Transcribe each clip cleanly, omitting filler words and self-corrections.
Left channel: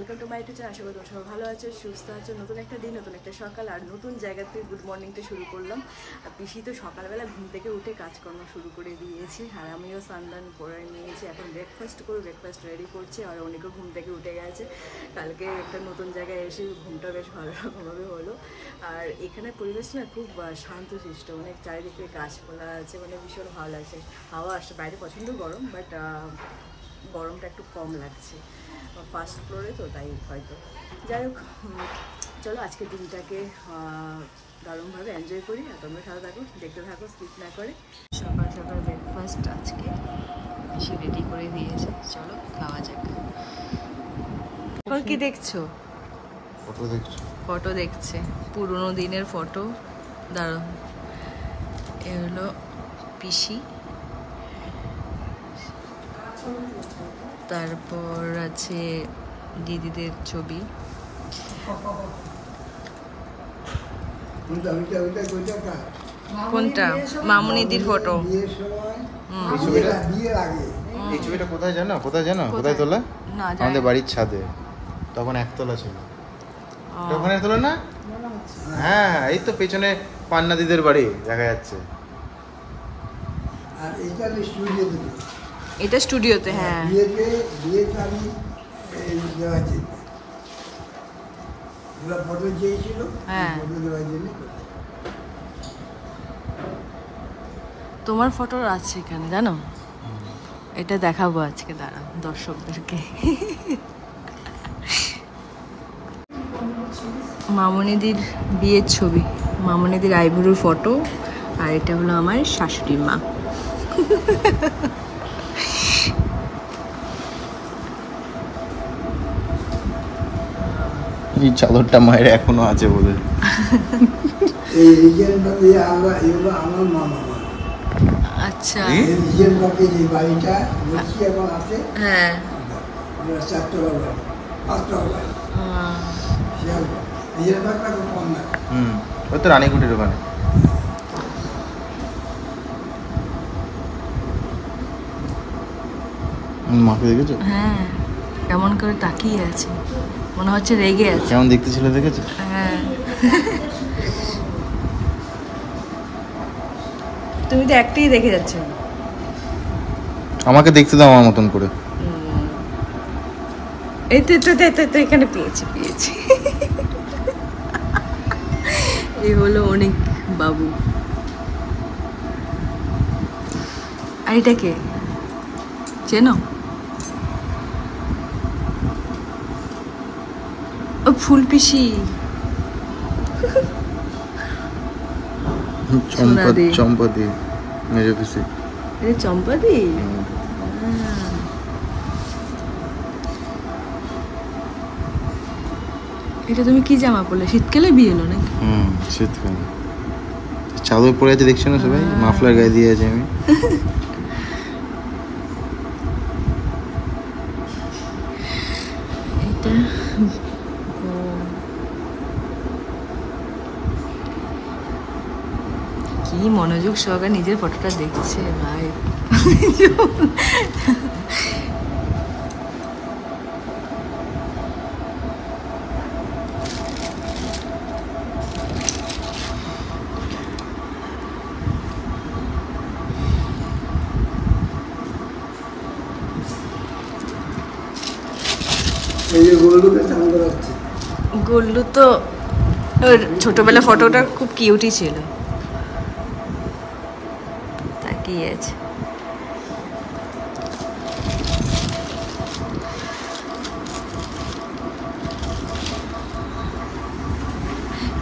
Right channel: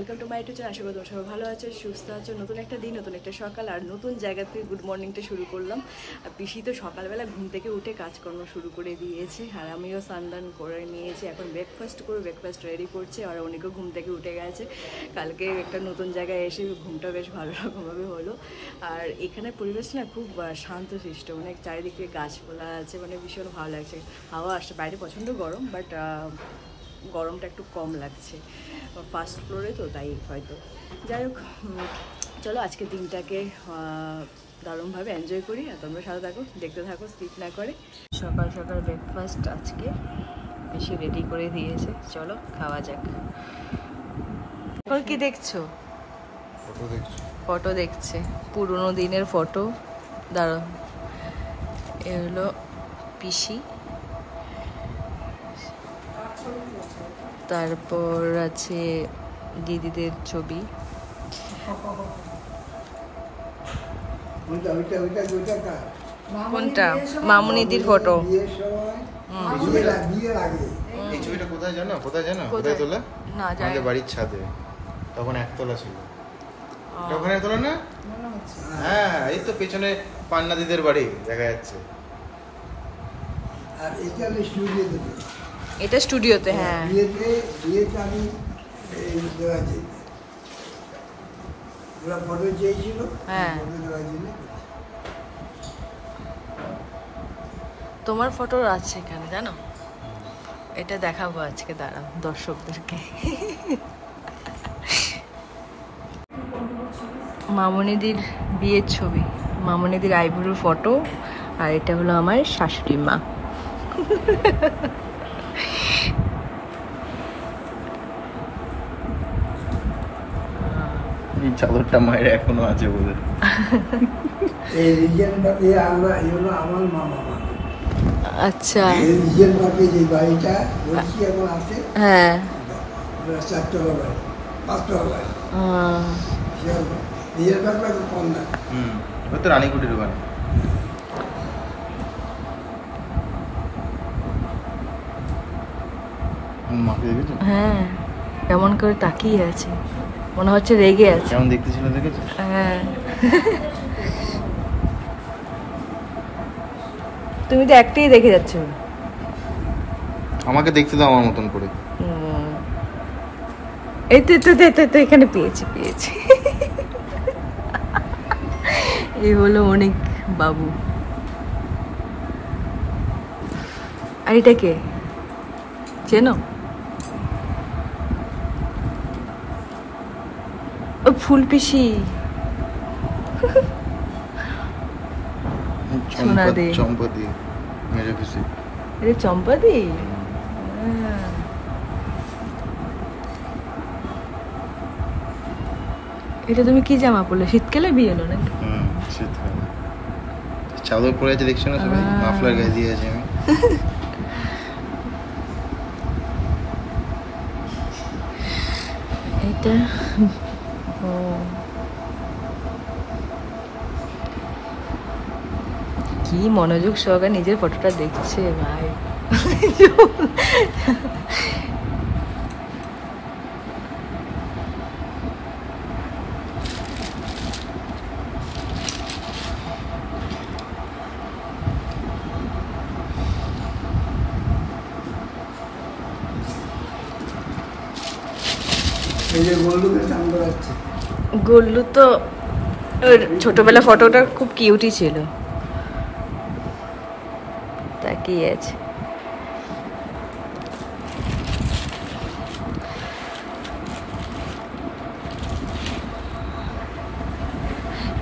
Welcome to my YouTube channel. আশা করি তোমরা সবাই ভালো আছো, সুস্থ আছো। নতুন একটা দিন, নতুন একটা সকাল আর নতুন জায়গা থেকে গুড মর্নিংটা শুরু করলাম। আর পিসি তো সকালবেলা ঘুম থেকে উঠে কাজকর্ম শুরু করে দিয়েছে আর আমিও স্নান করে নিয়েছি। এখন ব্রেকফাস্ট রেডি করছে আর অনেকেও ঘুম থেকে উঠে গেছে। কালকে একটা নতুন জায়গায় এসে ঘুমটা বেশ ভালো রকমভাবে হলো। আর এখানে পরিবেশ না খুব শান্তশিষ্ট, অনেক চারিদিকে গাছপালা আছে, মানে ভীষণ ভালো লাগছে। হাওয়া আসছে, বাইরে প্রচণ্ড গরম, বাট গরমটা একটু কম লাগছে। ফার্স্ট ফ্লোরে তো তাই হয়তো। যাই হোক, চলো আজকে দিনটাকে দারুণভাবে এনজয় করি আর তোমরা সাথে থাকো, দেখতে থাকো, স্কিপ না করে। সকাল সকাল ব্রেকফাস্ট আজকে বেশি রেডি করে দিয়েছে, চলো খাওয়া যাক। কি দেখছো? ফটো দেখছে, পুরোনো দিনের ফটো। দাঁড়াও, এ হলো পিসি, তারপর আছে দিদিদের ছবি। কোনটা? মামুনিদির ফটো। কোথায় জানো কোথায় তোলা? আমাদের বাড়ির ছাদে, তখন একতলা ছিল। ওখানে তোলা না? হ্যাঁ, এই তো পেছনে পান্না দিদের বাড়ি দেখা যাচ্ছে। এটা স্টুডিওতে। হ্যাঁ, হ্যাঁ, তোমার ফটো আছে এখানে, জানো? এটা দেখাবো আজকে, দাঁড়াও দর্শকদেরকে। মামুনিদির বিয়ের ছবি, মামুনিদির আইবুড়োর ফটো। আর এটা হলো আমার শাশুড়ি মা। এই চাদরটা মায়ের এখনো আছে বলে। আচ্ছা, হ্যাঁ, রানীকুটির ওখানে। মাকে দেখেছো? হ্যাঁ, কেমন করে তাকিয়ে আছে, মনে হচ্ছে রেগে আছে। কেমন দেখতে ছিল, দেখেছো? হ্যাঁ, তুমি তো একটাই দেখে যাচ্ছ। আমাকে দেখতে দাও আমার মতন করে। এই তো এখানে পেয়েছি। এই হলো অনেক বাবু। আর এটা কে চেনো? ও ফুল পিসি। চম্পাদি, মেজ পিসি। এটা চম্পাদি। এটা তুমি কি জামা পরলে? শীতকালে বিয়ে হলো নাকি? শীতকালে। চাদর পরে আছে, দেখছো না সবাই? মাফলার গায়ে দিয়ে আছে আমি। এটা কি মনোযোগ সহকারে নিজের ফটোটা দেখছে ভাই। গোল্লু তো ছোটবেলা ফটোটা খুব কিউটই ছিল, তাকিয়ে আছে।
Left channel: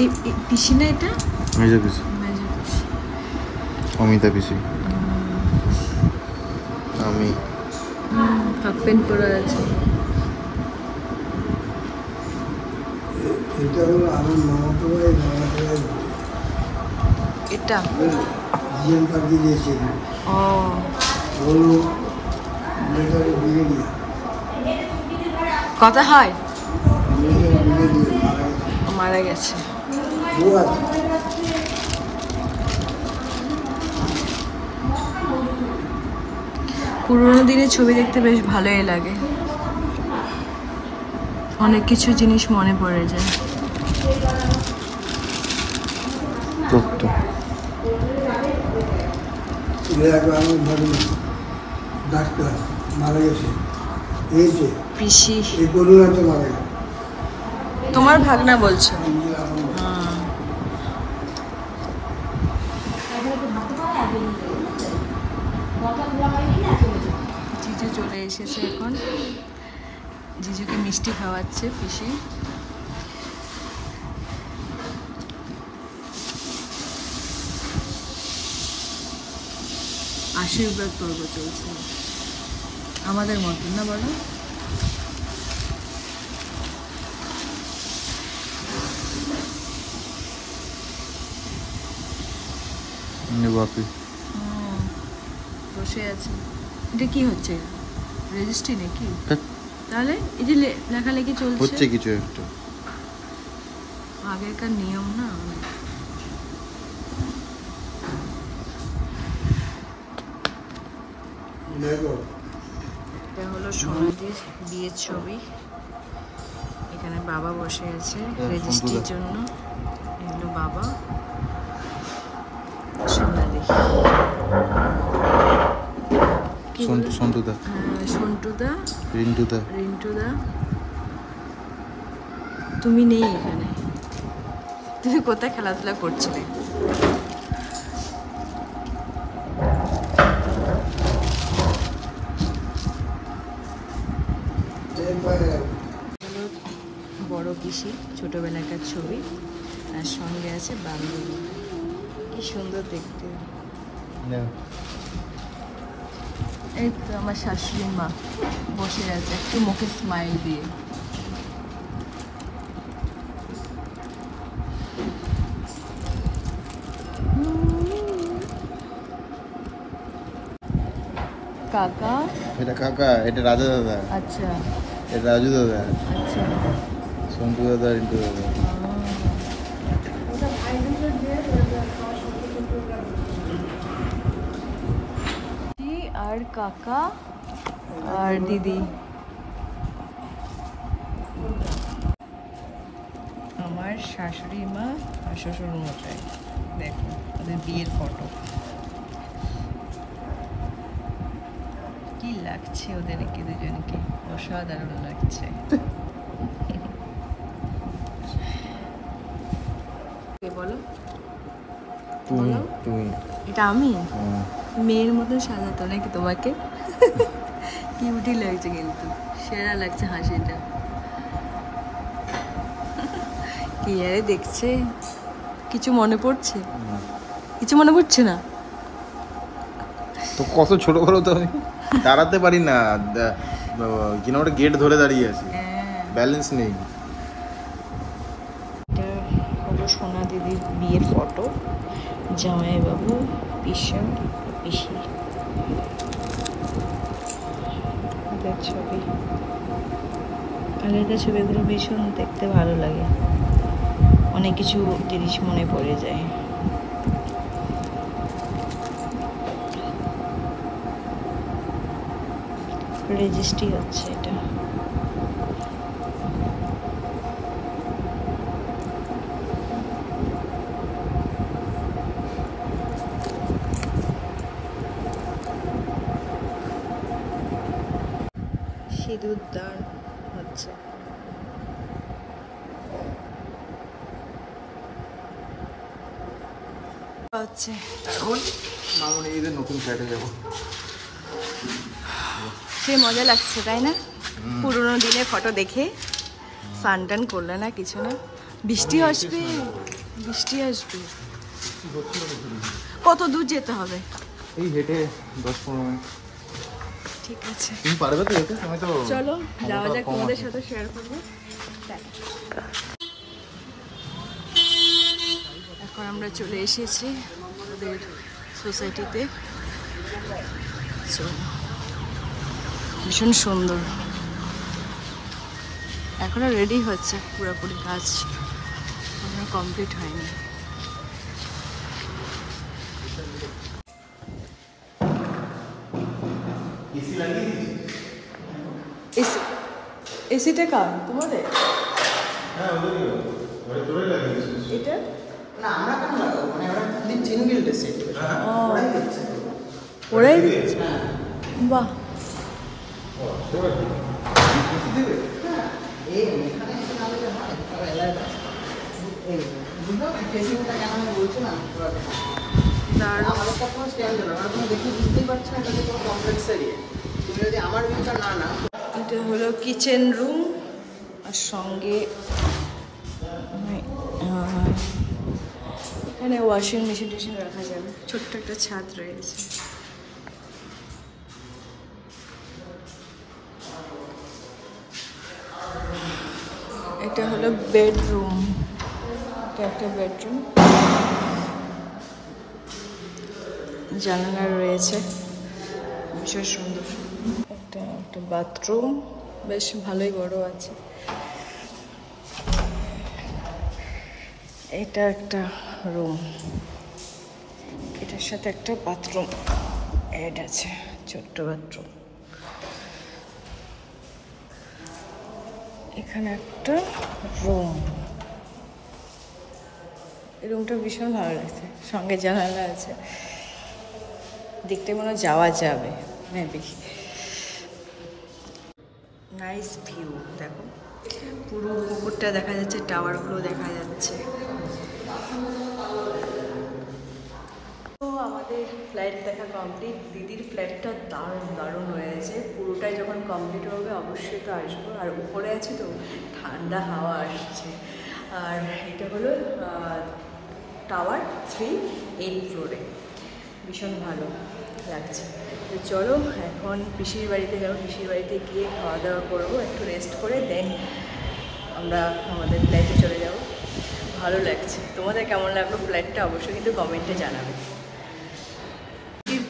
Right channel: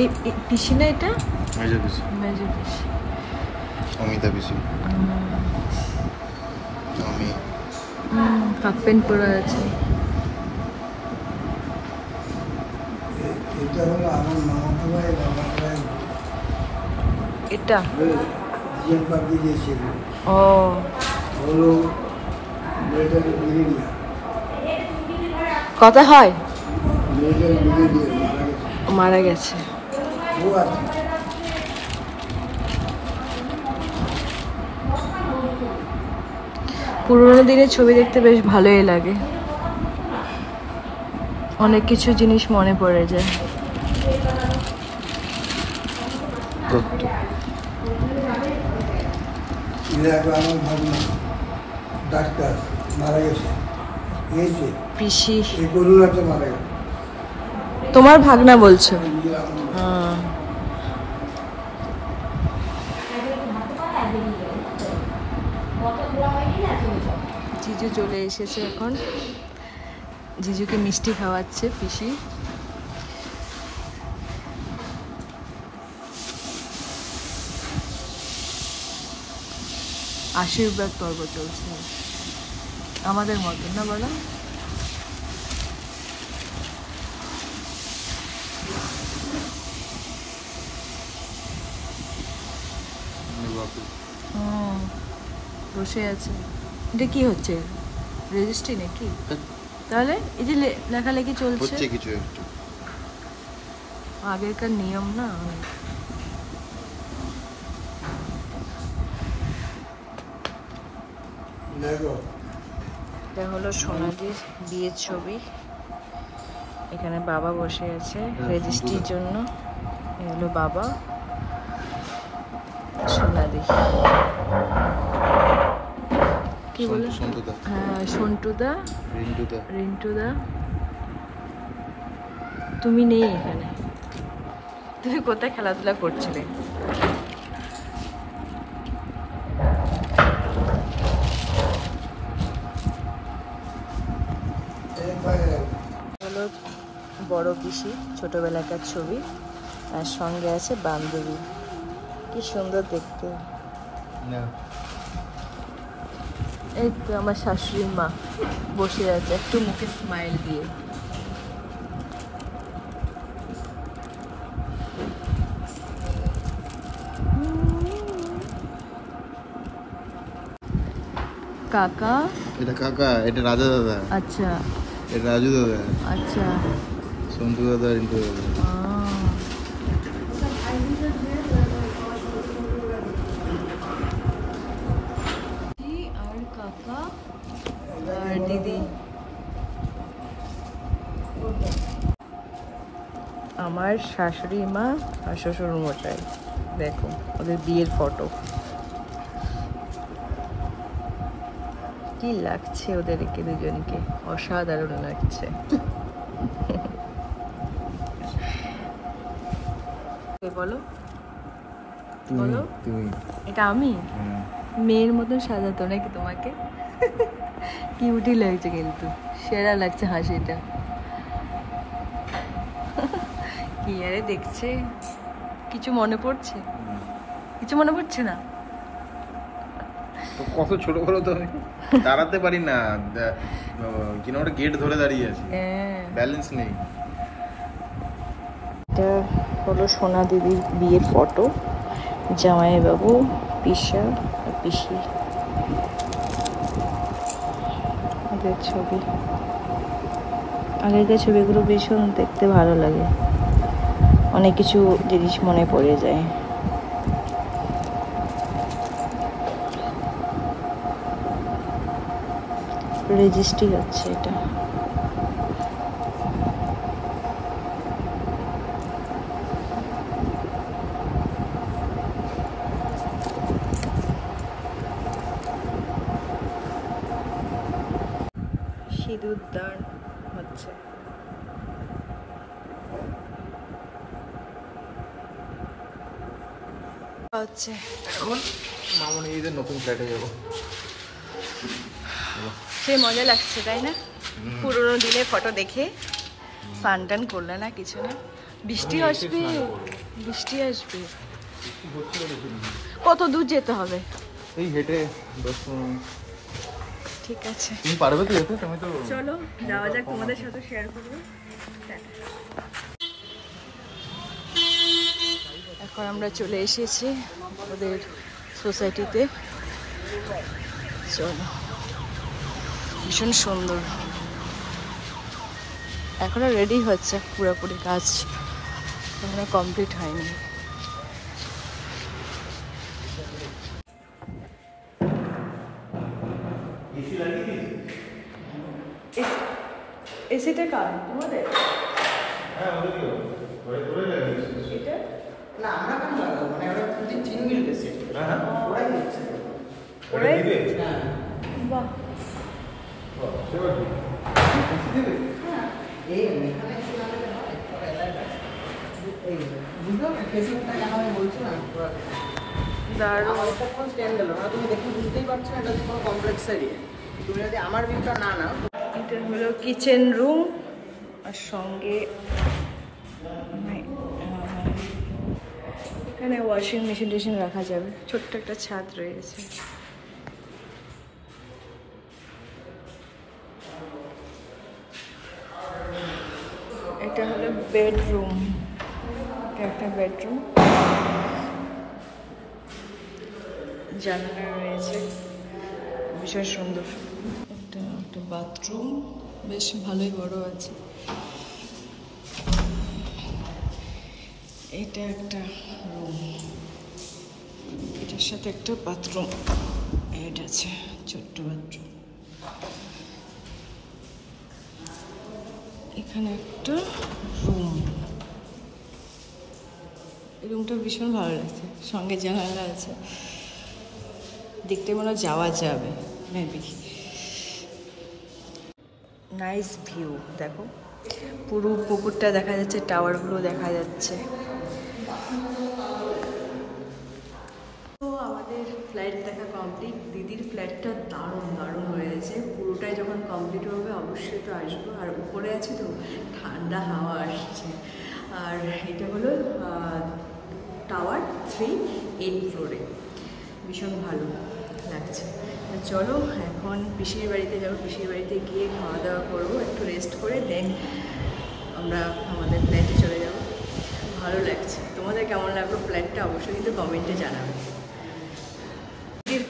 এই পিসি না, এটা মেজ পিসি। অমিতা পিসি। আমি হাফ প্যান্ট পরা আছে। এটা ও কথা হয়, মারা গেছে। পুরোনো দিনের ছবি দেখতে বেশ ভালোই লাগে। অনেক কিছু জিনিস মনে পড়ে যায়। পিসি তোমার ভাগনা বলছো? হ্যাঁ। জিজু চলে এসেছে এখন, জিজুকে মিষ্টি খাওয়াচ্ছে পিসি। আশীর্বাদ পর্ব চলছে আমাদের মতন, না বলো? বসে আছে। এটা কি হচ্ছে, রেজিস্ট্রি নাকি? তাহলে এই যে লেখালেখি চলছে কিছু একটা, আগেরকার নিয়ম না। এটা হলো সোনাদির বিয়ের ছবি। এখানে বাবা বসে আছে রেজিস্ট্রির জন্য। এই হলো বাবা, সোনাদি। কি বলে? সন্টুদা। হ্যাঁ, সন্টুদা, রিন্টুদা। তুমি নেই এখানে, তুমি কোথায় খেলাধুলা করছিলে? হলো বড় পিসি, ছোটবেলাকার ছবি, আর সঙ্গে আছে বান্ধবী। কি সুন্দর দেখতে। এই তো আমার শাশুড়ি মা বসে আছে একটু মুখে স্মাইল দিয়ে। কাকা, এটা কাকা, এটা রাজা দাদা। আচ্ছা, এটা রাজু দাদা। আচ্ছা, সন্টু দাদা, রিন্টু দাদা। আর কাকা আর দিদি। আমার শাশুড়ি মা আর শ্বশুর মশাই, দেখো ওদের বিয়ের ফটো। কি লাগছে ওদেরকে দুজনকে, অসাধারণ লাগছে। বলো বলো, এটা আমি মেয়ের মতন সাজাতো নাকি তোমাকে? কিউটি লাগছে, কিন্তু সেরা লাগছে হাসিটা। কি আরে দেখছে, কিছু মনে পড়ছে? কিছু মনে পড়ছে না তো? কত ছোট বলো তো, আমি দাঁড়াতে পারি না, কিনা ওটা গেট ধরে দাঁড়িয়ে আছে, ব্যালেন্স নেই। এটা হলো সোনা দিদির বিয়ের ফটো, জামাইবাবু, পিসা, পিসি ওদের ছবি। আগেকার ছবিগুলো ভীষণ দেখতে ভালো লাগে, অনেক কিছু জিনিস মনে পড়ে যায়। রেজিস্ট্রি হচ্ছে এটা। সিঁদুর দান হচ্ছে। এখন মামনি ঈদের নতুন ফ্ল্যাটে যাবো। সে মজা লাগছে তাই না? পুরোনো দিনের ফটো দেখে স্নান টান করলে না, কিছু না। বৃষ্টি আসবে, বৃষ্টি আসবে। কত দূর যেতে হবে? এই হেঁটে 10-15 মিনিট। ঠিক আছে, তুমি পারবে তো? দেখলে তুমি তো। চলো যাওয়া যাক, তোমাদের সাথে শেয়ার করবো। এখন আমরা চলে এসেছি ওদের সোসাইটিতে। চলো, ভীষণ সুন্দর। এখনো রেডি হচ্ছে, পুরোপুরি কাজ এখনো কমপ্লিট হয়নি। এসিটা কার তোমাদের? এটা না আমরা কেন লাগাবো, মানে ওরা প্রতিদিন চিনবিল দেশে ওরাই দিচ্ছে। ওরাই বাহ এই এখানে একটু লাগালে হয়, এই ফেসিংটা কেন আমি বলছি না, দারুণ। আমার একটা ফোন স্ট্যান্ড হলো না, তুমি দেখে বুঝতেই পারছো এটা তো কোনো কমপ্লেক্স এরিয়া। তুমি যদি আমার ভিতর না না, এটা হলো কিচেন রুম আর সঙ্গে এখানে ওয়াশিং মেশিন টেশিন রাখা যাবে, ছোট্ট একটা ছাদ রয়েছে। এটা হলো বেডরুম, এটা একটা বেডরুম, জানালা রয়েছে, ভীষণ সুন্দর। একটা বাথরুম, বেশ ভালোই বড় আছে। এটা একটা রুম, এটার সাথে একটা বাথরুম অ্যাড আছে, ছোট্ট বাথরুম। এখানে একটা রুম, এই রুমটা ভীষণ ভালো লাগে, সঙ্গে জানালা আছে, দেখতে মনে হয় যাওয়া যাবে মেবি। নাইস ভিউ, দেখো পুরো পুকুরটা দেখা যাচ্ছে, টাওয়ারগুলো দেখা যাচ্ছে। তো আমাদের ফ্ল্যাট দেখা কমপ্লিট। দিদির ফ্ল্যাটটা দারুণ দারুণ হয়েছে, পুরোটাই যখন কমপ্লিট হবে অবশ্যই তো আসবো। আর উপরে আছে তো ঠান্ডা হাওয়া আসছে। আর এটা হলো টাওয়ার 3, 8 ফ্লোরে, ভীষণ ভালো লাগছে। তো চলো এখন পিসির বাড়িতে যাবো, পিসির বাড়িতে গিয়ে খাওয়া দাওয়া করবো, একটু রেস্ট করে দেন আমরা আমাদের ফ্ল্যাটে চলে যাব। ভালো লাগছে। তোমাদের কেমন লাগলো ফ্ল্যাটটা অবশ্যই কিন্তু কমেন্টে জানাবে।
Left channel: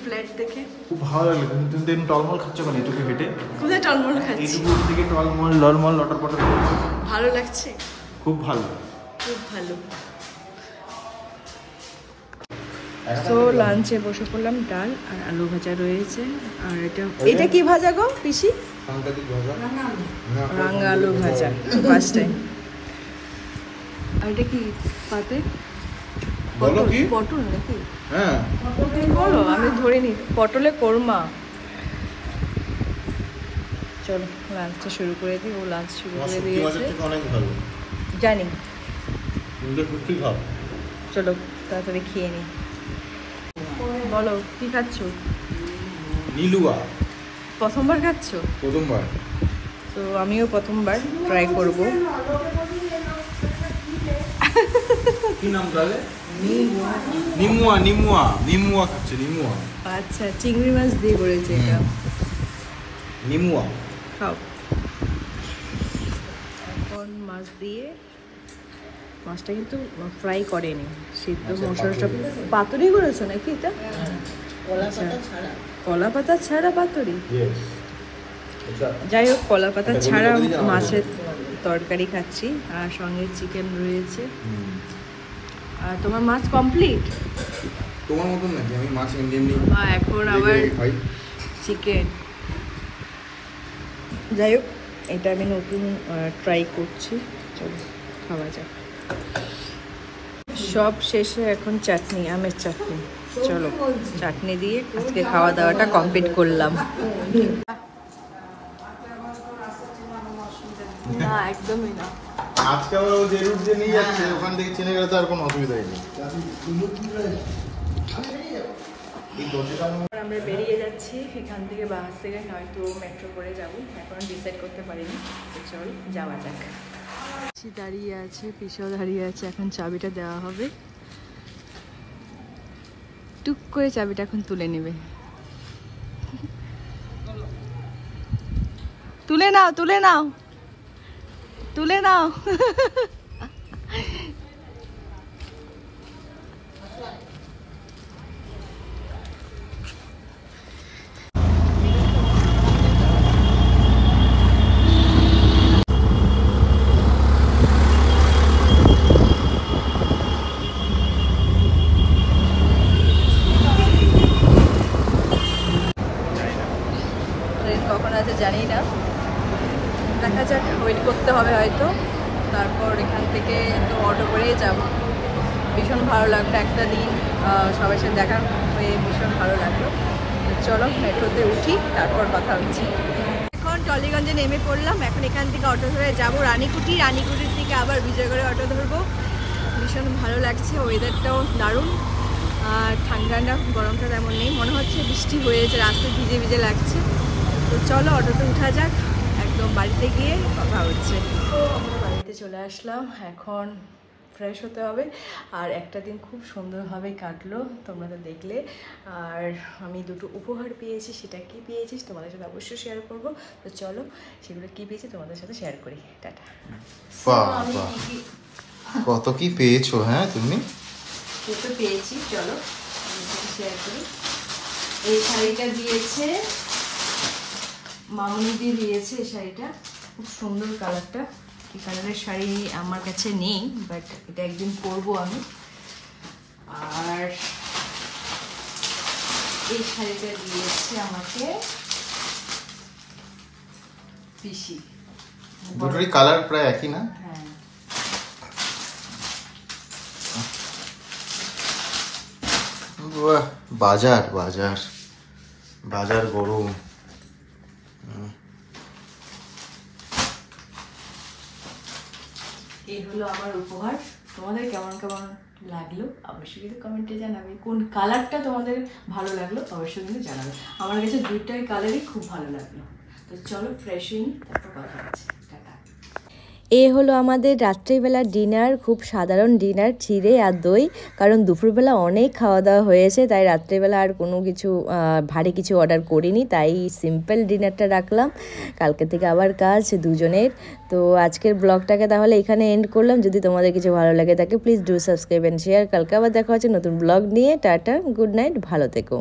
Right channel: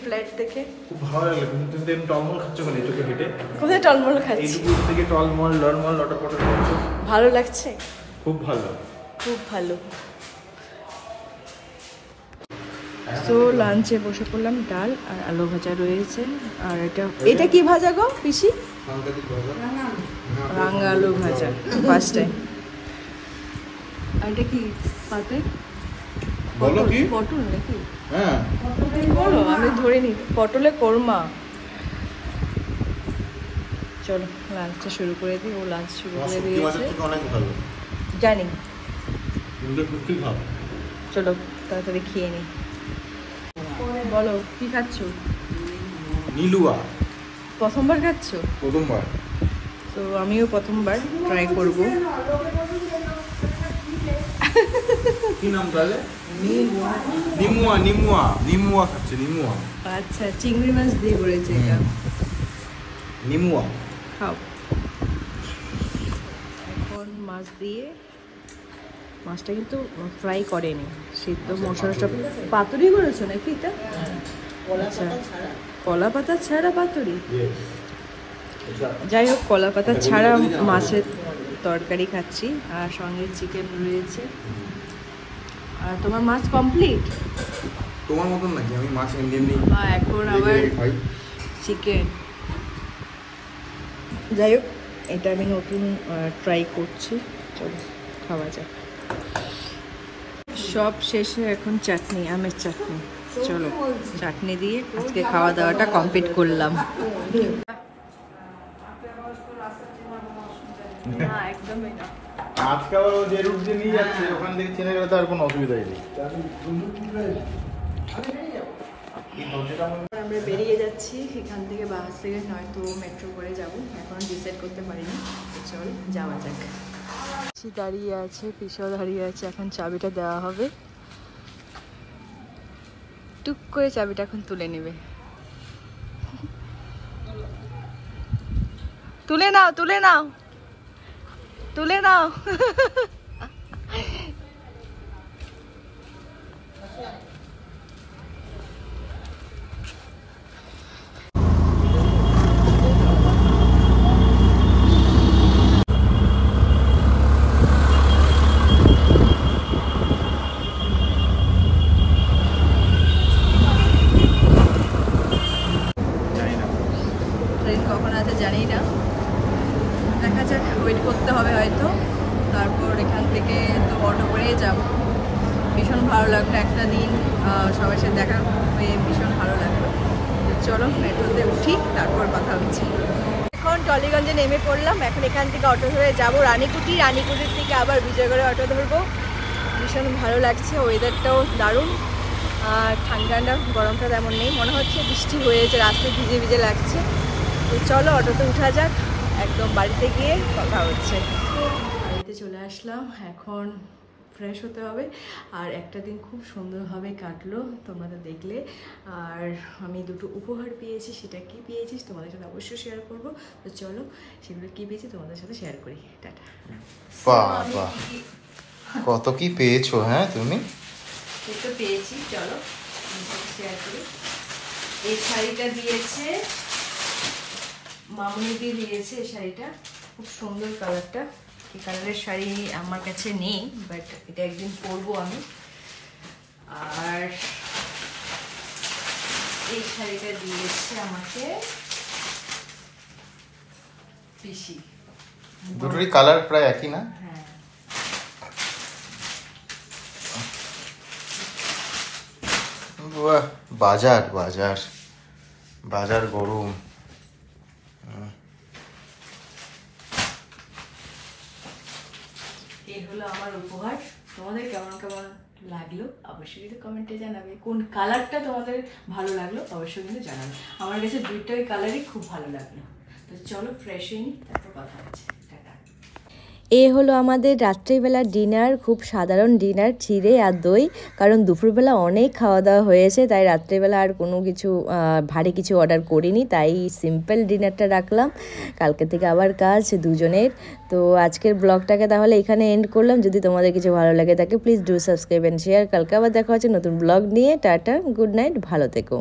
ফ্ল্যাট দেখে খুব ভালো লাগলো। তুমি তো টলমল খাচ্ছ কেন এইটুকু হেঁটে? কোথায় টলমল খাচ্ছি? এইটুকু থেকে টলমল ললমল লটর পটর করছো। ভালো লাগছে, খুব ভালো, খুব ভালো। তো লাঞ্চে বসে পড়লাম, ডাল আর আলু ভাজা রয়েছে। আর এটা কি ভাজা গো পিসি? রাঙা আলু ভাজা, ফার্স্ট টাইম। আর এটা কি পাতে? বলো কি? পটল নাকি? হ্যাঁ বলো, আমি ধরে নি। পটলে কোরমা। চলো লাঞ্চটা শুরু করে দিই। ও লাঞ্চ শুরু করে দিয়েছে, অনেক ভালো জানি। কি খাও? চলো তাড়াতাড়ি খেয়ে নি। বলো কি খাচ্ছ? নীলুয়া। প্রথমবার খাচ্ছ? প্রথমবার। তো আমিও প্রথমবার ট্রাই করব। কি নাম তাহলে? নিমুয়া। নিমুয়া নিমুয়া খাচ্ছে, নিমুয়া। আচ্ছা, চিংড়ি মাছ দিয়ে করেছে এটা। নিমুয়া খাও। এখন মাছ দিয়ে, মাছটা কিন্তু ফ্রাই করেনি, সিদ্ধ মশলা পাতুরি করেছো নাকি এটা? কলা পাতা ছাড়া পাতুরি? যাই হোক, কলা পাতা ছাড়া মাছের তরকারি খাচ্ছি, আর সঙ্গে চিকেন রয়েছে। আর তোমার মাছ কমপ্লিট? তোমার মতন নাকি? আমি মাছ ইন্ডিয়ান নেই। এখন আবার চিকেন। যাই হোক, এটা আমি নতুন ট্রাই করছি, খাওয়া যাক। সব শেষে এখন চাটনি, আমের চাটনি। চলো চাটনি দিয়ে আজকে খাওয়া দাওয়াটা কমপ্লিট করলাম। না একদমই না। আজকে আবার যে রুট দিয়ে নিয়ে যাচ্ছে ওখান থেকে চেনে গেলে তো আর কোনো অসুবিধাই নেই। আমরা বেরিয়ে যাচ্ছি এখান থেকে, বাস থেকে, নয়তো মেট্রো করে যাবো, এখন ডিসাইড করতে পারিনি। তো চল যাওয়া যাক। দাঁড়িয়ে আছে, পিছাও দাঁড়িয়ে আছে, এখন চাবিটা দেওয়া হবে। টুক করে চাবিটা এখন তুলে নেবে। তুলে নাও, তুলে নাও, তুলে নাও। ট্রেন কখন আছে জানি না, দেখা যাক, ওয়েট করতে হবে হয়তো। তারপর এখান থেকে তো অটো করেই যাব। ভীষণ ভালো লাগলো একটা দিন সবার সাথে দেখা হয়ে, ভীষণ ভালো লাগলো। চলো মেট্রোতে উঠি, তারপর কথা হচ্ছে। এখন টলিগঞ্জে নেমে পড়লাম। এখন এখান থেকে অটো ধরে যাবো রানীকুটি, রানীকুটির থেকে আবার বিজয়গড়ে অটো ধরবো। ভীষণ ভালো লাগছে, ওয়েদারটাও দারুণ। আর ঠান্ডা গরমটা তেমন নেই, মনে হচ্ছে বৃষ্টি হয়েছে, রাস্তায় ভিজে ভিজে লাগছে। তো চলো অটোতে উঠা যাক, একদম বাড়িতে গিয়ে কথা হচ্ছে। তো আমরা বাড়িতে চলে আসলাম, এখন ফ্রেশ হতে হবে। আর একটা দিন খুব সুন্দরভাবে কাটলো, তোমরা তো দেখলে। আর আমি দুটো উপহার পেয়েছি, সেটা কি পেয়েছিস তোমাদের সাথে অবশ্যই শেয়ার করব। তো চলো সেগুলো কি পেয়েছি তোমাদের সাথে শেয়ার করি। টাটা। বাবা কত কি পেয়েছো হ্যাঁ তুমি? তো পেয়েছি, চলো শেয়ার করি। এই শাড়িটা দিয়েছে মামুনিদি, দিয়েছে এই শাড়িটা, খুব সুন্দর কালারটা। এই কালারের শাড়ি আমার কাছে নেই, বাট এটা একদিন পরবো আমি। আর এই শাড়িটা দিয়েছে আমাকে পিসি। দুটোরই কালার প্রায় একই না? হ্যাঁ, বাজার বাজার বাজার গরম। এই হলো আমার উপহার। তোমাদের কেমন কেমন লাগলো অবশ্যই কিন্তু কমেন্টে জানাবে। কোন কালারটা তোমাদের ভালো লাগলো অবশ্যই কিন্তু জানাবে। আমার কাছে দুইটাই কালারই খুব ভালো লাগলো। তো চলো ফ্রেশ হয়ে নিই, তারপর কথা হচ্ছে। টাটা। এ হলো আমাদের রাত্রিবেলার ডিনার, খুব সাধারণ ডিনার, চিড়ে আর দই। কারণ দুপুরবেলা অনেক খাওয়া দাওয়া হয়েছে, তাই রাত্রিবেলা আর কোনো কিছু ভারী কিছু অর্ডার করিনি, তাই সিম্পল ডিনারটা রাখলাম। কালকে থেকে আবার কাজ দুজনের। তো আজকের ব্লগটাকে তাহলে এখানে এন্ড করলাম। যদি তোমাদের কিছু ভালো লাগে থাকে please do subscribe and share. কালকে আবার দেখা হচ্ছে নতুন ব্লগ নিয়ে। টাটা, গুড নাইট, ভালো থেকো।